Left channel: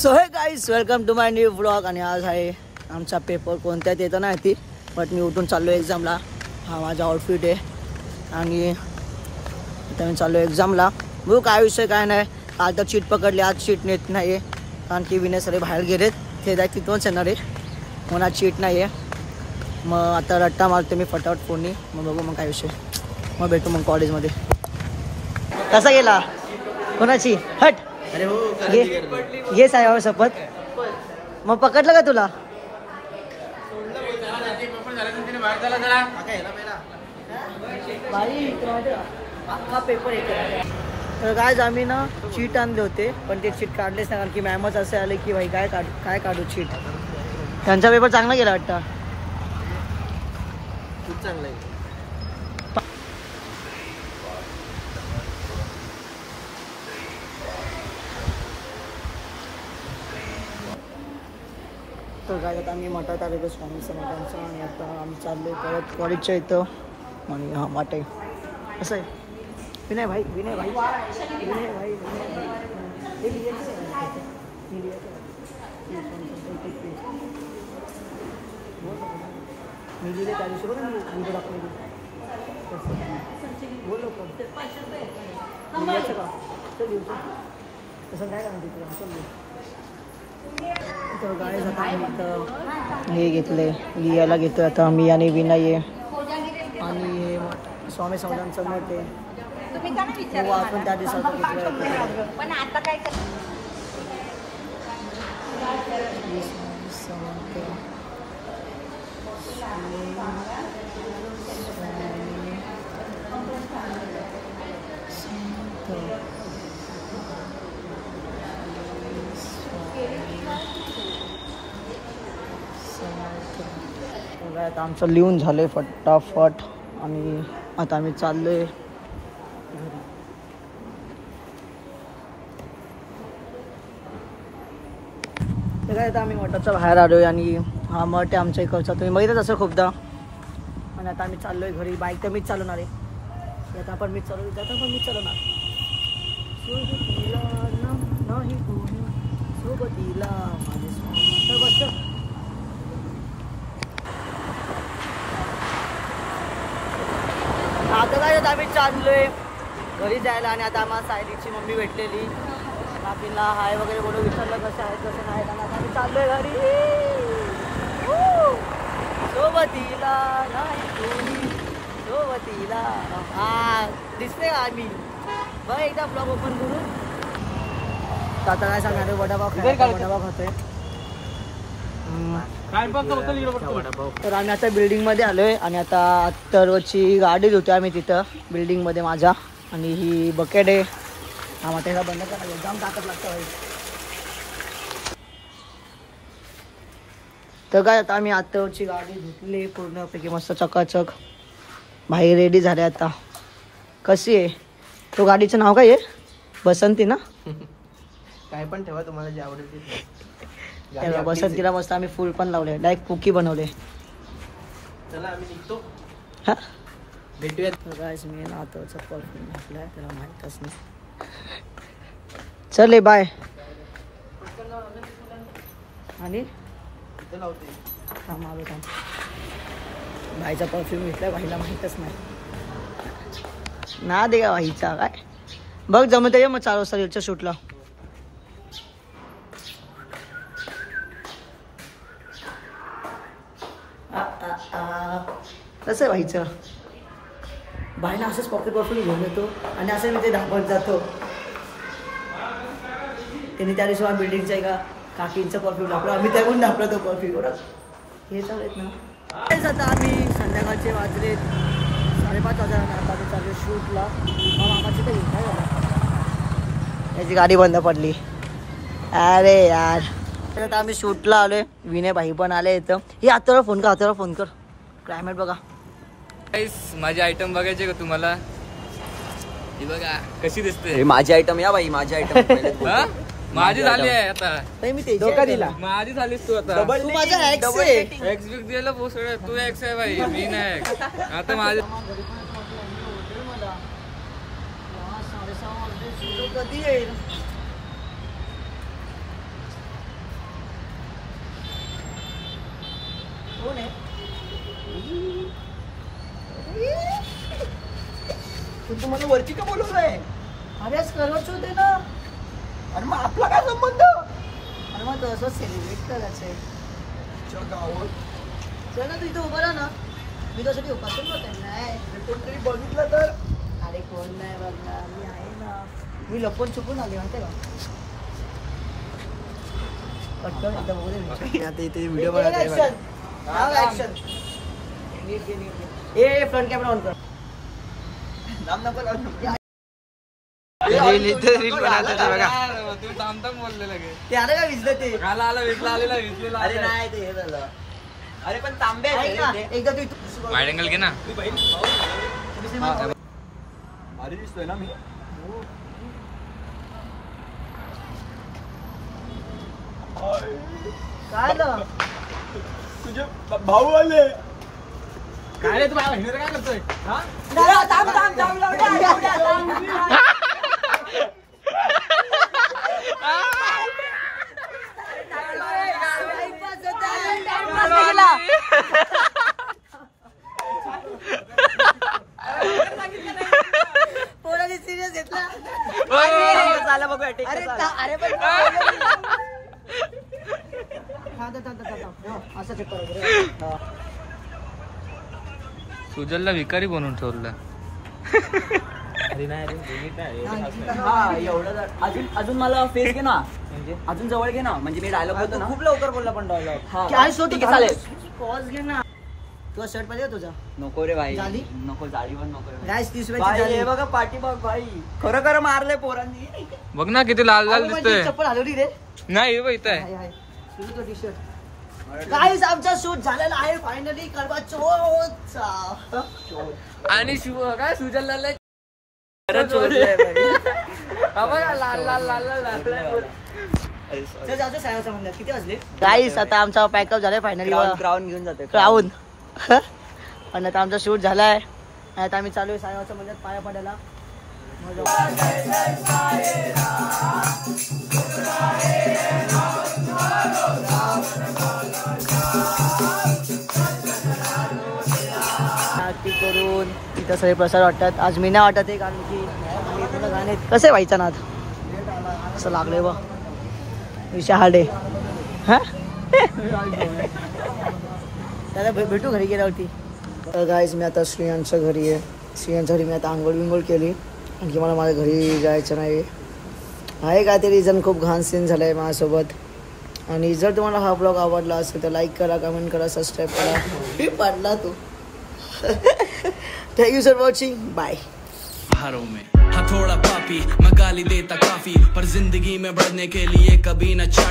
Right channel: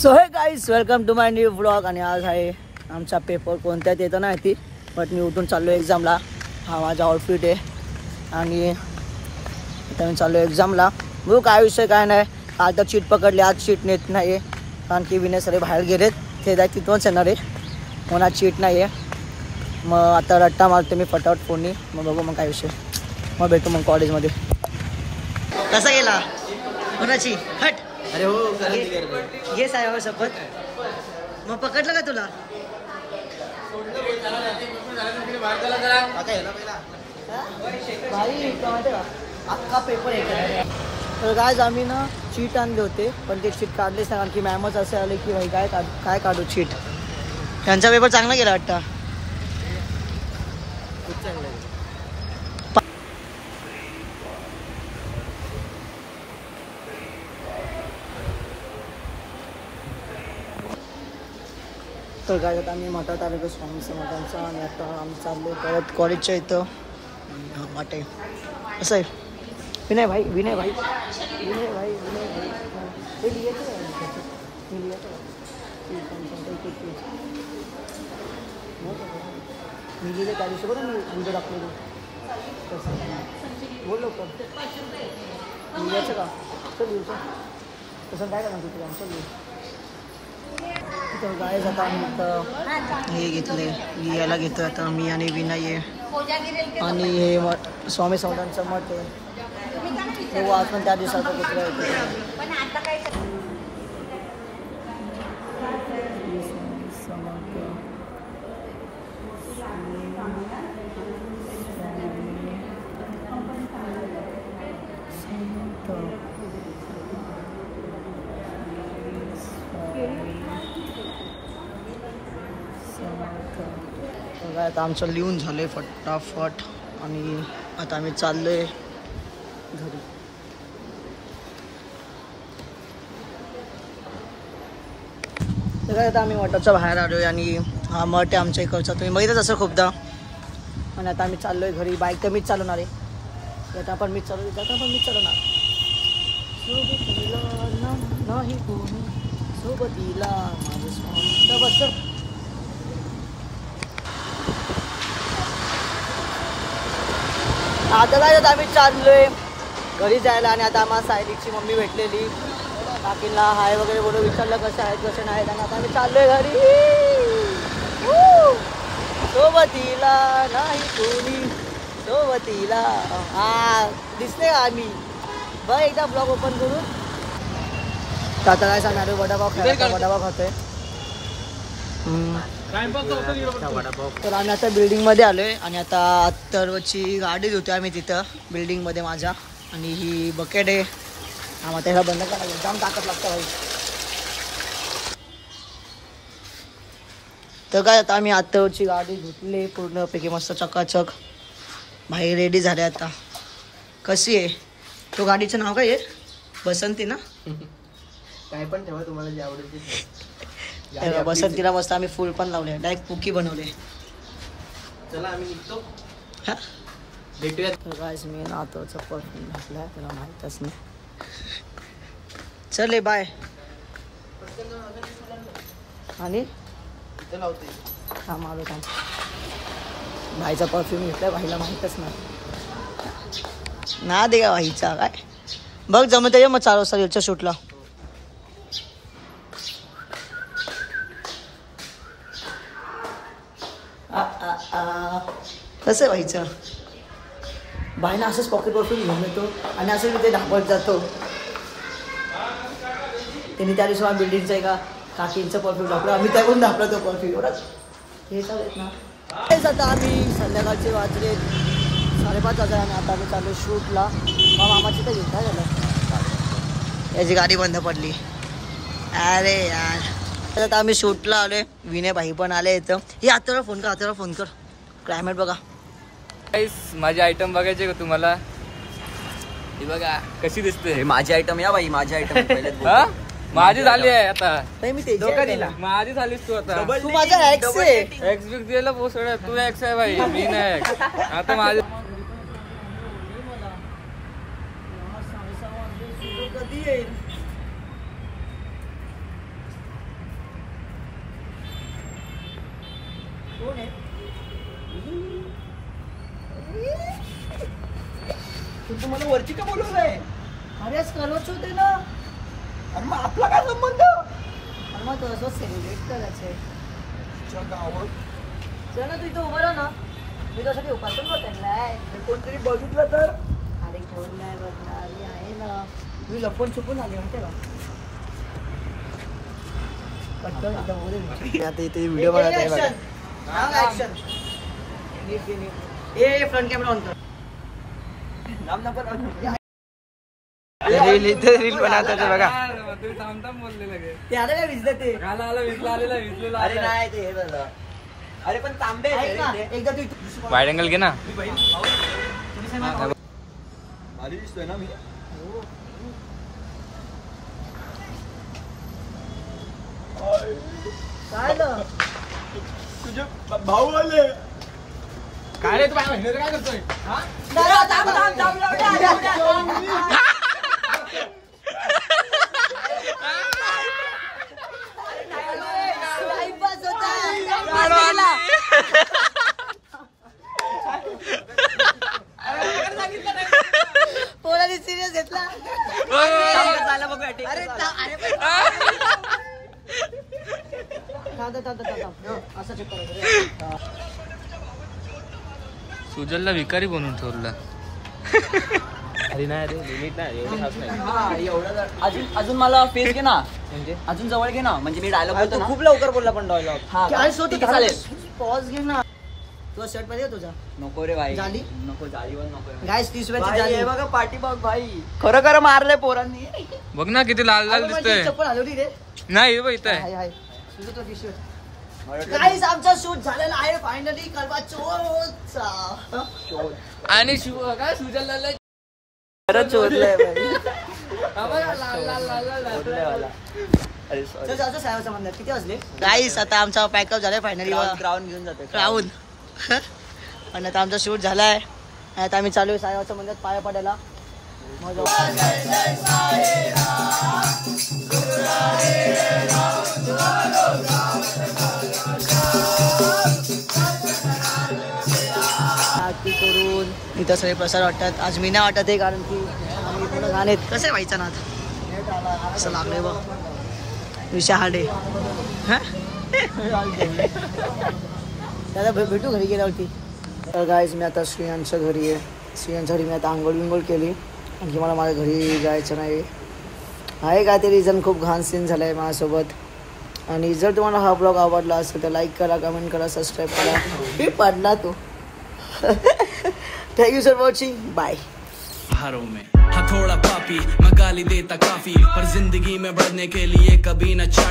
So hey guys welcome to my new vlog. आणि आज आहे आमचा पेपर. कोणत्यात येतं नाही ती, बट मी उठून चाललो एक्झामला. हा माझा आउटफिट आहे आणि आता मी चाललो एक्झामला. बघू काय विषय काय नाही. आता शीट पकडली, आज शीट नेत नाही आहे कारण की विनय सर बाहेर गेलेत. ते जाय तिथूनच येणार आहे म्हणून आज शीट नाही आहे. मग आता रट्टा मारते मी फटाफट फोननी. मग बघू मग काय विषय. मग भेटू मग कॉलेजमध्ये. कसा गेला कोणाची हट. अरे हो ये साहेब शपथ. मग पकडलं का तुला. भाई अख्खा पेपर येतो. तर काय आम्ही ना शीट आणले होते पण ते शीट काढलेच नाही कारण की मॅमच असे आले की भाई काय काढू शीट. त्यांचा पेपर चांगला गेला वाटतं. खूप चांगला आहे. तर काय आता आम्ही मठात आलो स्वामी समर्थांचा आणि आता आम्ही चाललो परत कॉलेजच्या इथं. आणि हा मठ आहे असं आहे. विनय भाई हे लिहायचं मी लिहायचं मी लिहिले त्या दिवशी बघा मी व्हिडिओ टाकलेली तसं बोललो का लिहायचं का चल लिहायचं तसं काय करणार तिथे आमचं लिहू. तर गायज आता आम्ही इथं हे घेतले लिहायला घेतो आता मी आणि विनय आहे. आणि हे स्वामी समर्थांचं मठ आहे. बघू आपण त्या दिवसाचं घेतलं आता आमचं लिहून झालंय फटाफट आणि आता आम्ही चाललोय घरी. तर काय आता आम्ही मठाच्या बाहेर आलोय आणि हा मठ आहे आमच्या इकडचा. तुम्ही बघितच असं खूपदा. आणि आता आम्ही चाललोय घरी. बाईक तर मीच चालवणार आहे. आता पण मीच चालवणार सोबतीला नाही कोणी सोबतीला माझे स्वामी. तर बस आता काय आम्ही चाललोय घरी जायला. आणि आता आम्हाला सायलीची मम्मी भेटलेली. काकींना हाय वगैरे बोलून विचारलं कसं आहेत कसं नाही. आता आम्ही चाललोय घरी. सोबतीला नाही कोणी सोबतीला. हा दिसते आम्ही बघ एकदा ब्लॉग ओपन करून. आता काय सांगणार आहे वडापाव खायला. वडापाव खातोय. तर आम्ही आता बिल्डिंगमध्ये आलोय आणि आता अत्तरवरची गाडी धुतोय आम्ही तिथं बिल्डिंगमध्ये माझ्या. आणि ही बकेट आहे. हा मग त्याला बंद करायला जाम ताकद लागतं भाई. तर काय आता आम्ही अत्तरवरची गाडी धुतली पूर्णपैकी मस्त चकाचक. भाई रेडी झाले आता. कशी आहे तो गाडीचं नाव काय आहे. बसंती ना. काय पण ठेवा तुम्हाला जे आवडेल. बसंतीला मस्त आम्ही फुल पण लावले. डायरेक्ट पुकी बनवले. चला आम्ही निघतो. हा भेटूयात. गाइस मी नातोचा परफ्यूम घातलाय त्याला माहीतच नाही. चले बाय. आणि थांब आलो थांब. भाईचा परफ्यूम घेतलाय. भाईला माहीतच नाही ना दे का भाईचा. काय बघ जमत आहे मग 4 वाजता याच्या शूटला. कसं आहे भाईचं. भाईनं असंच पॉकेट परफ्यूम घेऊन येतो आणि असं मी ते धापत जातो. त्यांनी त्या दिवशी बिल्डिंगचं आहे का काकींचं परफ्यूम धापलं. आम्ही त्याकडून धापला तो परफ्यूम एवढाच हे चालेल ना. तेच आता आम्ही संध्याकाळचे वाजले 5:30 वाजता आणि आता आम्ही चालू शूटला. मग मामाची तर काय झालं याची गाडी बंद पडली. अरे यार आता आम्ही शूटला आलोय. विनय भाई पण आले इथं. हे आत्ताला फोन कर क्लायमेट बघा. माझे आयटम बघायचे का तुम्हाला. ही बघा कशी दिसते. माझी आयटम या भाई माझी आयटम. माझी झाली आहे आता. मी ते माझी झालीस तू आता. तू माझा एक्स आहे. एक्स बिग दिला पोसड. तू एक्स आहे भाई मी नाही एक्स. आता माझे कधी येईल मला वरची का बोलवलंय? अरे सर्वच होते ना. आणि मग आपला काय संबंध? आणि मग तसं सेलिब्रेट करायचंय गावात. चल ना, तू इथे उभा राहा ना. मी त्यासाठी उपासून नाही कोणतरी बघितलं तर. अरे कोण नाही बघणार, मी आहे ना. मी लपून छुपून आली माहिती का. आता इथे व्हिडिओ बनवत आहे बघा. फ्रंट कॅमेरा ऑन कर. नाम नको लावू. रील बनवतात बघा. तू थांबताम बोललेलं गे. ते आलं का विसलं ते. विसलेला. अरे नाही ते हे झालं. अरे पण तांबे एकदा तू वाईड अँगल घे ना. भारी दिसतोय ना मी. तुझे भाऊ आले. काय रे तू काय करतोय? सिरियस घेतला. सुजलला विकारी बनवून ठेवलं. अजून मला फेस घे ना. अजून जवळ घे ना. म्हणजे मी डायलॉग बोलतो ना. खूप लवकर बोलला पण डायलॉग. पॉज घे ना. तुझा शर्ट पाहिजे तुझा? नको रे भाई. झाली नको. जाळी पण नको. गाइस 30 हे बघा पाठी बघ भाई. खरं खरं मारलंय पोरांनी. बघ ना किती लाल लाल दिसतोय. चप्पल हलवली रे. नाही बघ इथं आहे. तुझं तो टी-शर्ट. गाइस आमचा शूट झालेला आहे फायनली करवा चौथचा. आणि काय सुजलला चोरलंय भाई. किती वाजले? गाइस आता आमचा पॅकअप झालाय फायनली. क्राऊन घेऊन जाते. क्राऊन. आणि आता आमचा शूट झालाय. आता आम्ही चालू आहे सायाच्या मंदिरात पाया पडायला. आरती करून इथं सगळे प्रसाद वाटतात. आज मी नाही वाटत आहे कारण की आम्ही पूर्ण गाणे कसे व्हायचं ना आता असं लागलंय बा. विषय हार्ड आहे. हा दादा भेटू घरी गेल्यावरती. तर गाईज मी आता श्रियांच्या घरी आहे. श्रियांच्या घरी मी आता आंघोळ विंघोळ केली. आणखी मला माझ्या घरी जायचं नाही आहे. काय ते रिझन खूप घाण सीन झालं आहे माझ्यासोबत. आणि जर तुम्हाला हा ब्लॉग आवडला असेल तर लाईक करा, कमेंट करा, सबस्क्राईब करा. हे पडला तो. Thank you for watching. Bye. हाँ थोड़ा पापी मैं गाली देता काफी, पर जिंदगी में बढ़ने के लिए कभी न चाट